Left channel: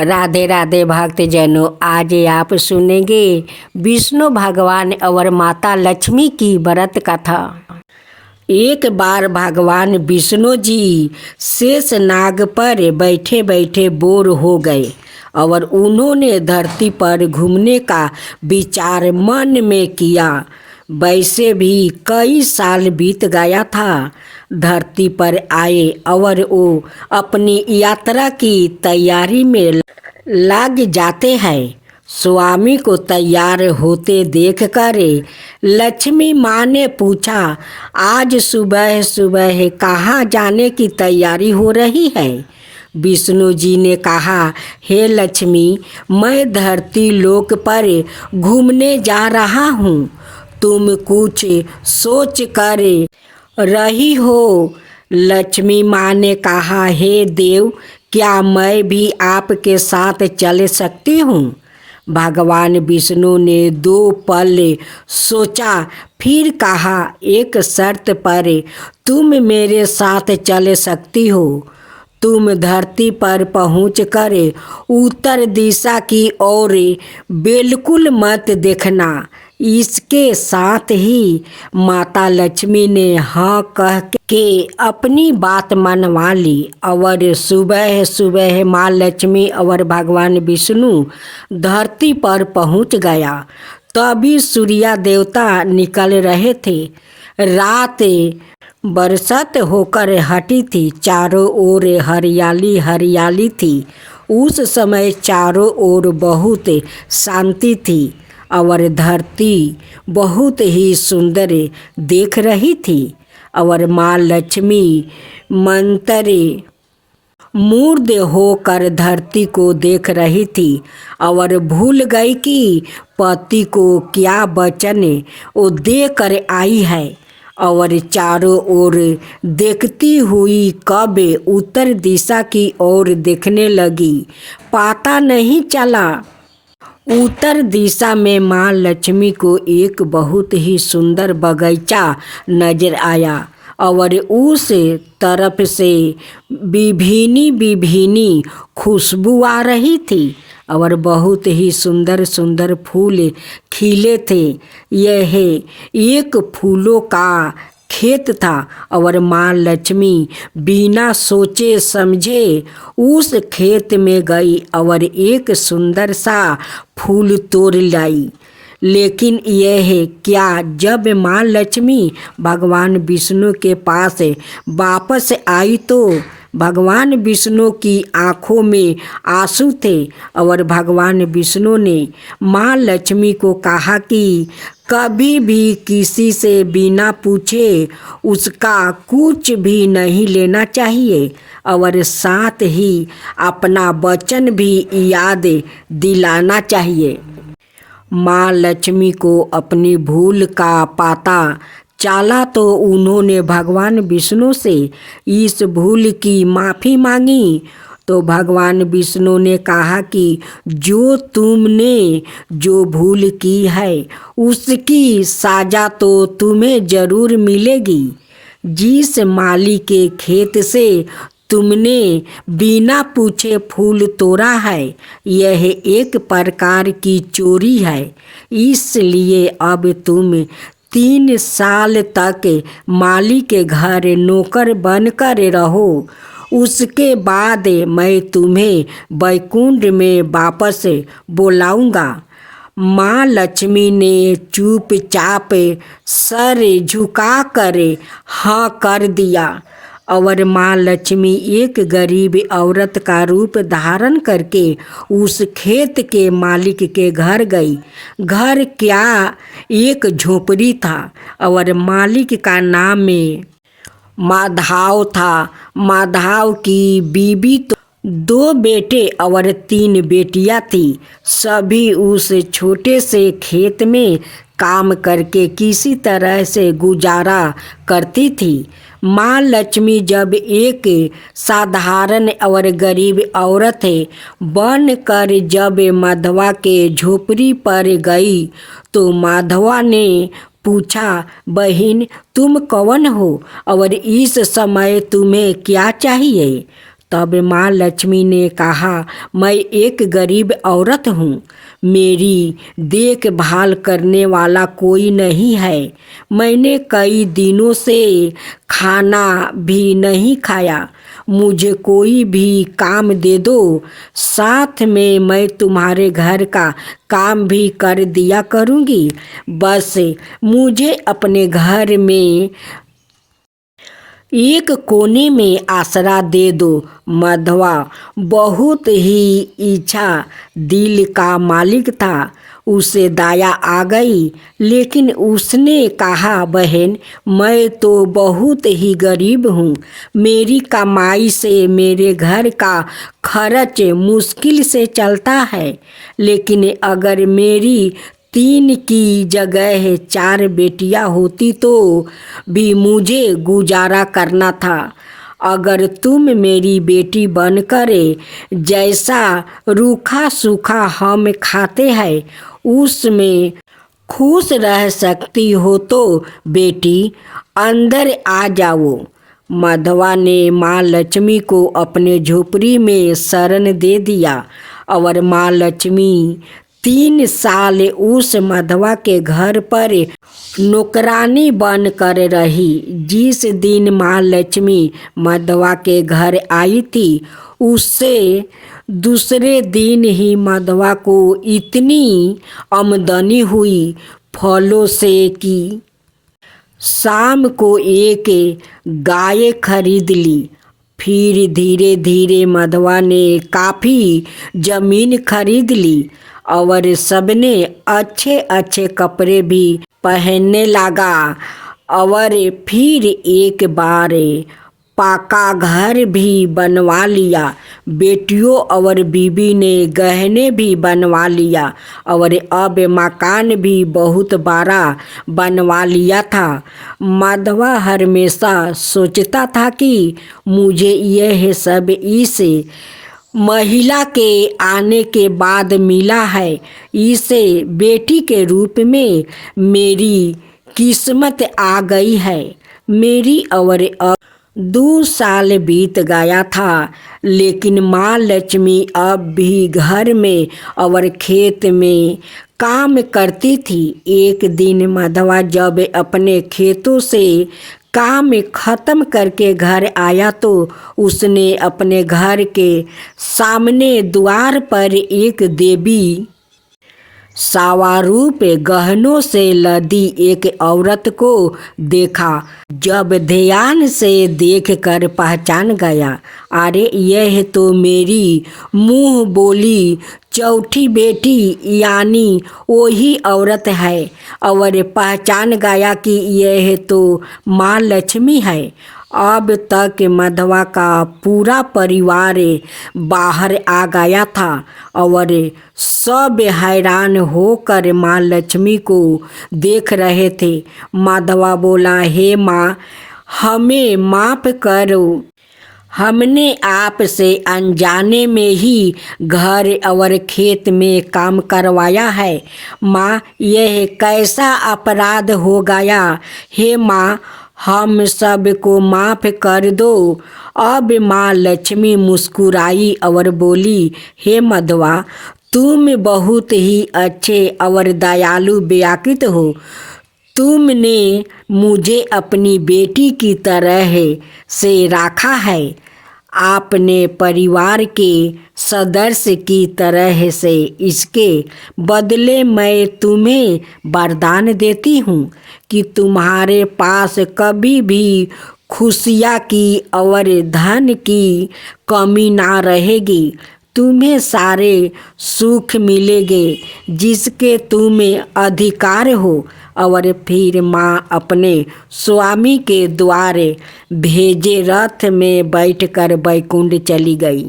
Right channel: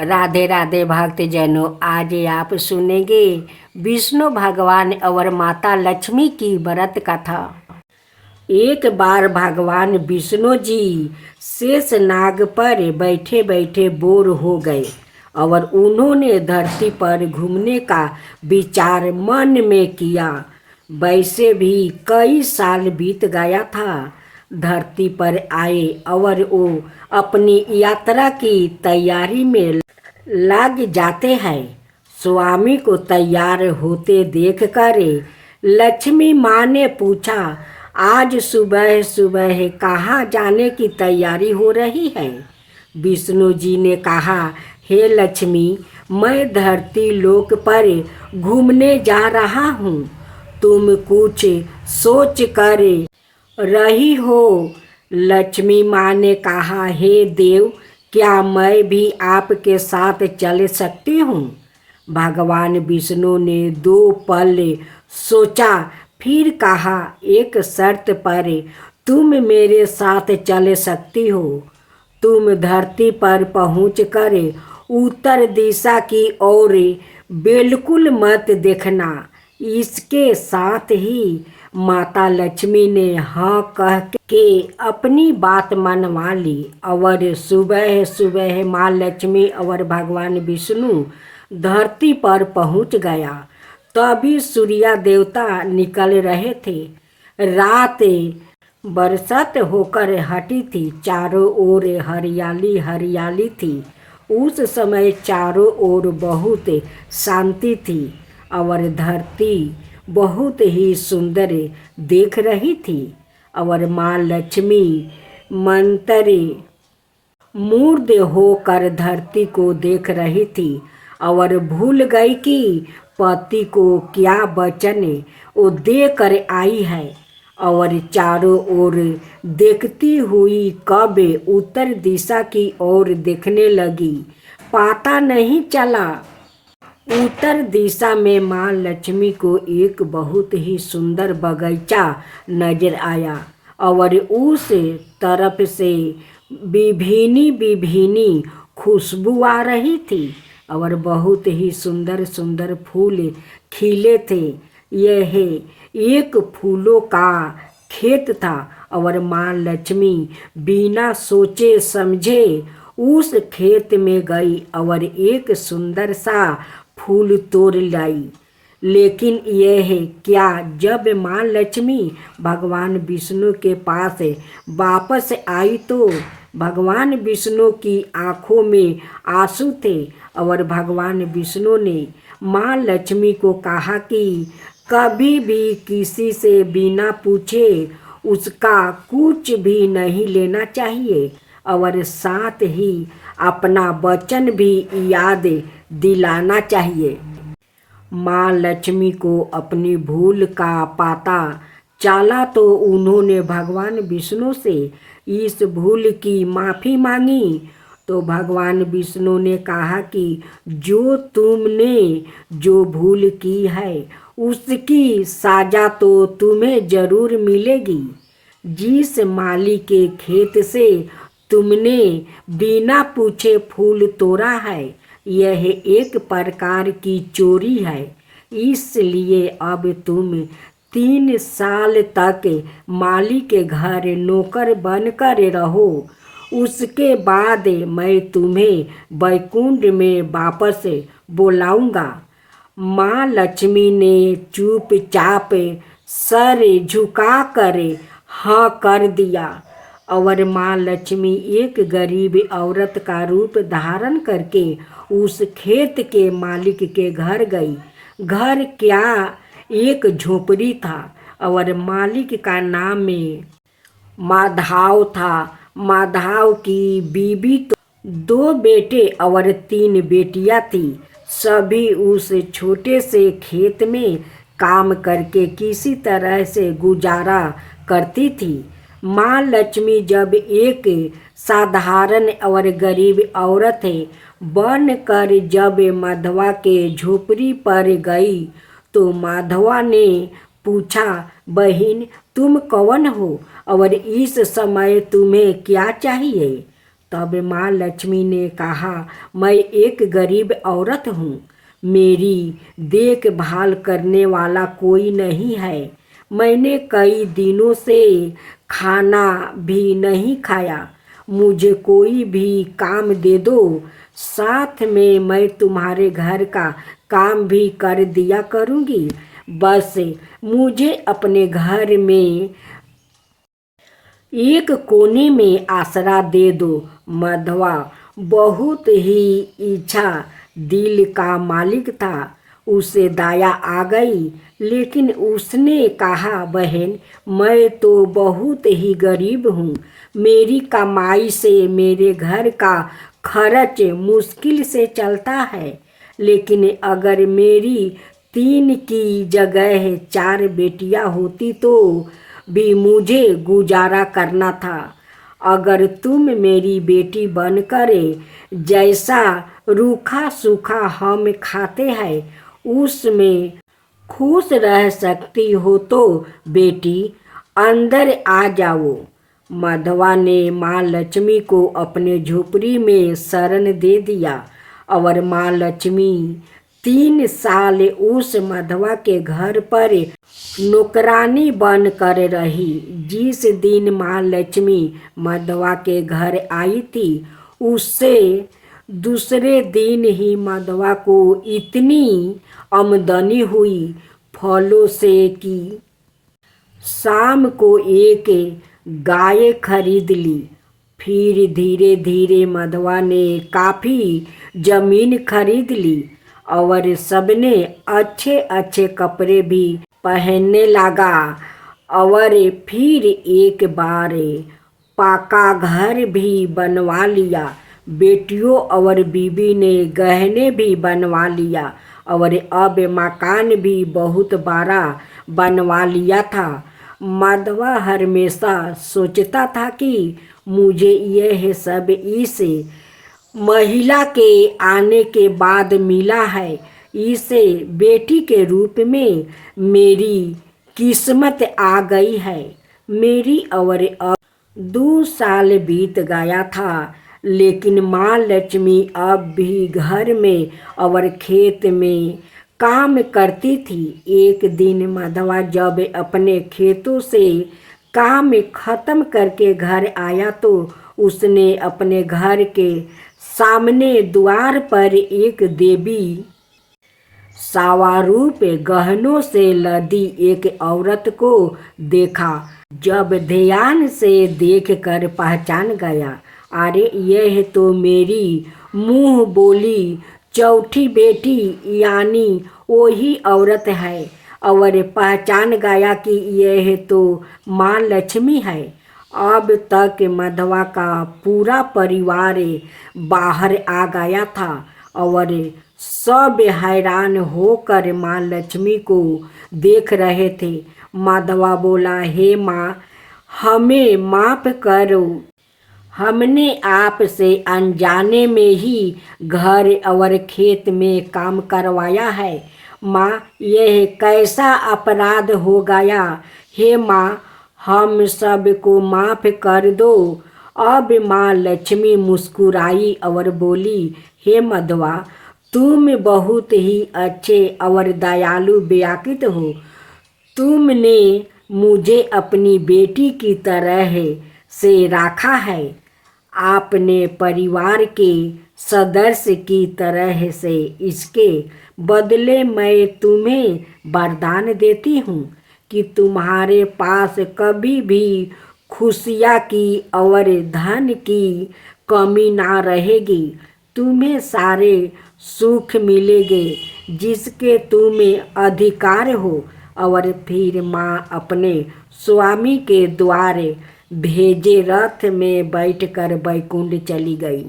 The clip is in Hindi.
राधे राधे भक्तजनों, आज आप सुनेंगे विष्णु भगवान और माता लक्ष्मी की व्रत कथा। एक बार भगवान विष्णु जी शेष नाग पर बैठे बैठे बोर हो गए और उन्होंने धरती पर घूमने का विचार मन में किया। वैसे भी कई साल बीत गया था। धरती पर आए और वो अपनी यात्रा की तैयारी में लग जाते हैं। स्वामी को तैयार होते देखकर लक्ष्मी माँ ने पूछा, आज सुबह सुबह कहाँ जाने की तैयारी हो रही है? विष्णु जी ने कहा, हे लक्ष्मी, मैं धरती लोक पर घूमने जा रहा हूँ। तुम कुछ सोच कर रही हो? लक्ष्मी माँ ने कहा, हे देव, क्या मैं भी आपके साथ चल सकती हूँ? भगवान विष्णु ने 2 पल सोचा, फिर कहा, एक शर्त पर तुम मेरे साथ चल सकती हो। तुम धरती पर पहुंचकर उत्तर दिशा की ओर बिल्कुल मत देखना। इसके साथ ही माता लक्ष्मी ने हाँ कह के अपनी बात मनवा ली और सुबह सुबह माँ लक्ष्मी और भगवान विष्णु धरती पर पहुंच गया। तभी सूर्य देवता निकल रहे थे। रात बरसात होकर हटी थी। चारों ओर हरियाली हरियाली थी। उस समय चारों ओर बहुत शांति थी और धरती बहुत ही सुंदर देख रही थी और माँ लक्ष्मी मंत्र मूर्ध होकर धरती को देख रही थी और भूल गई कि पति को क्या वचन वो देकर आई है और चारों ओर देखती हुई कब उत्तर दिशा की ओर देखने लगी, पता नहीं चला। उत्तर दिशा में माँ लक्ष्मी को एक बहुत ही सुंदर बगीचा नजर आया और उस तरफ से विभिन्न विभिन्न खुशबू आ रही थी और बहुत ही सुंदर सुंदर फूल खिले थे। यह एक फूलों का खेत था और माँ लक्ष्मी बिना सोचे समझे उस खेत में गई और एक सुंदर सा फूल तोड़ लाई। लेकिन यह क्या, जब माँ लक्ष्मी भगवान विष्णु के पास वापस आई तो भगवान विष्णु की आँखों में आंसू थे और भगवान विष्णु ने माँ लक्ष्मी को कहा कि कभी भी किसी से बिना पूछे उसका कुछ भी नहीं लेना चाहिए और साथ ही अपना वचन भी याद दिलाना चाहिए। माँ लक्ष्मी को अपनी भूल का पता चला तो उन्होंने भगवान विष्णु से इस भूल की माफ़ी मांगी। तो भगवान विष्णु ने कहा कि जो तुमने जो भूल की है उसकी सजा तो तुम्हें ज़रूर मिलेगी। जिस माली के खेत से तुमने बिना पूछे फूल तोड़ा है, यह एक प्रकार की चोरी है। इसलिए अब तुम 3 साल तक माली के घर नौकर बनकर रहो। उसके बाद मैं तुम्हें वैकुंठ में वापस बुलाऊंगा। माँ लक्ष्मी ने चुपचाप सर झुकाकर हाँ कर दिया और माँ लक्ष्मी एक गरीब औरत का रूप धारण करके उस खेत के मालिक के घर गई। घर क्या, एक झोपड़ी था और मालिक का नाम माधव था। माधव की बीवी तो 2 बेटे और 3 बेटियां थी। सभी उस छोटे से खेत में काम करके किसी तरह से गुजारा करती थी। माँ लक्ष्मी जब एक साधारण और गरीब औरत बनकर जब माधवा के झोपड़ी पर गई तो माधवा ने पूछा, बहन तुम कौन हो और इस समय तुम्हें क्या चाहिए? तब माँ लक्ष्मी ने कहा, मैं एक गरीब औरत हूँ, मेरी देखभाल करने वाला कोई नहीं है। मैंने कई दिनों से खाना भी नहीं खाया। मुझे कोई भी काम दे दो, साथ में मैं तुम्हारे घर का काम भी कर दिया करूँगी। बस मुझे अपने घर में एक कोने में आसरा दे दो। माधवा बहुत ही इच्छा दिल का मालिक था। उसे दया आ गई, लेकिन उसने कहा, बहन मैं तो बहुत ही गरीब हूँ। मेरी कमाई से मेरे घर का खर्च मुश्किल से चलता है। लेकिन अगर मेरी 3 की जगह 4 बेटियां होती तो भी मुझे गुजारा करना था। अगर तुम मेरी बेटी बनकर जैसा रूखा सूखा हम खाते हैं उसमें खुश रह सकती हो तो बेटी अंदर आ जाओ। माधवा ने माँ लक्ष्मी को अपने झोपड़ी में शरण दे दिया और माँ लक्ष्मी 3 साल उस माधवा के घर पर नौकरानी बनकर रही। जिस दिन माँ लक्ष्मी माधवा के घर आई थी, उससे दूसरे दिन ही माधवा को इतनी आमदनी हुई फलों से कि शाम को एक गाय खरीद ली। फिर धीरे धीरे माधवा ने काफ़ी ज़मीन खरीद ली और सबने अच्छे अच्छे कपड़े भी पहनने लगा। और फिर एक बार पक्का घर भी बनवा लिया। बेटियों और बीबी ने गहने भी बनवा लिया और अब मकान भी बहुत बड़ा बनवा लिया था। माधवा हमेशा सोचता था कि मुझे यह सब इस महिला के आने के बाद मिला है। इसे बेटी के रूप में मेरी किस्मत आ गई है। मेरी और अब 2 साल बीत गया था, लेकिन माँ लक्ष्मी अब भी घर में और खेत में काम करती थी। एक दिन माधवा जब अपने खेतों से काम खत्म करके घर आया तो उसने अपने घर के सामने द्वार पर एक देवी सावारूप गहनों से लदी एक औरत को देखा। जब ध्यान से देखकर पहचान गया, अरे यह तो मेरी मुँह बोली चौथी बेटी यानी वही औरत है। और पहचान गया कि यह तो माँ लक्ष्मी है। अब तक माधवा का पूरा परिवार बाहर आ गया था और सब हैरान होकर माँ लक्ष्मी को देख रहे थे। माधवा बोला, हे माँ, हमें माफ़ करो, हमने आपसे अनजाने में ही घर और खेत में काम करवाया है। माँ, यह कैसा अपराध हो गया। हे माँ, हम सबको माफ़ कर दो। अब माँ लक्ष्मी मुस्कुराई और बोली, हे माधवा, तुम बहुत ही अच्छे और दयालु व्यक्ति हो। तुमने मुझे अपनी बेटी की तरह से रखा है। आपने परिवार के सदस्य की तरह से, इसके बदले मैं तुम्हें वरदान देती हूँ कि तुम्हारे पास कभी भी खुशियाँ की और धन की कमी ना रहेगी। तुम्हें सारे सुख मिलेंगे जिसके तुम्हें अधिकार हो। और फिर माँ अपने स्वामी के द्वारे भेजे रथ में बैठकर बैकुंठ चली गई।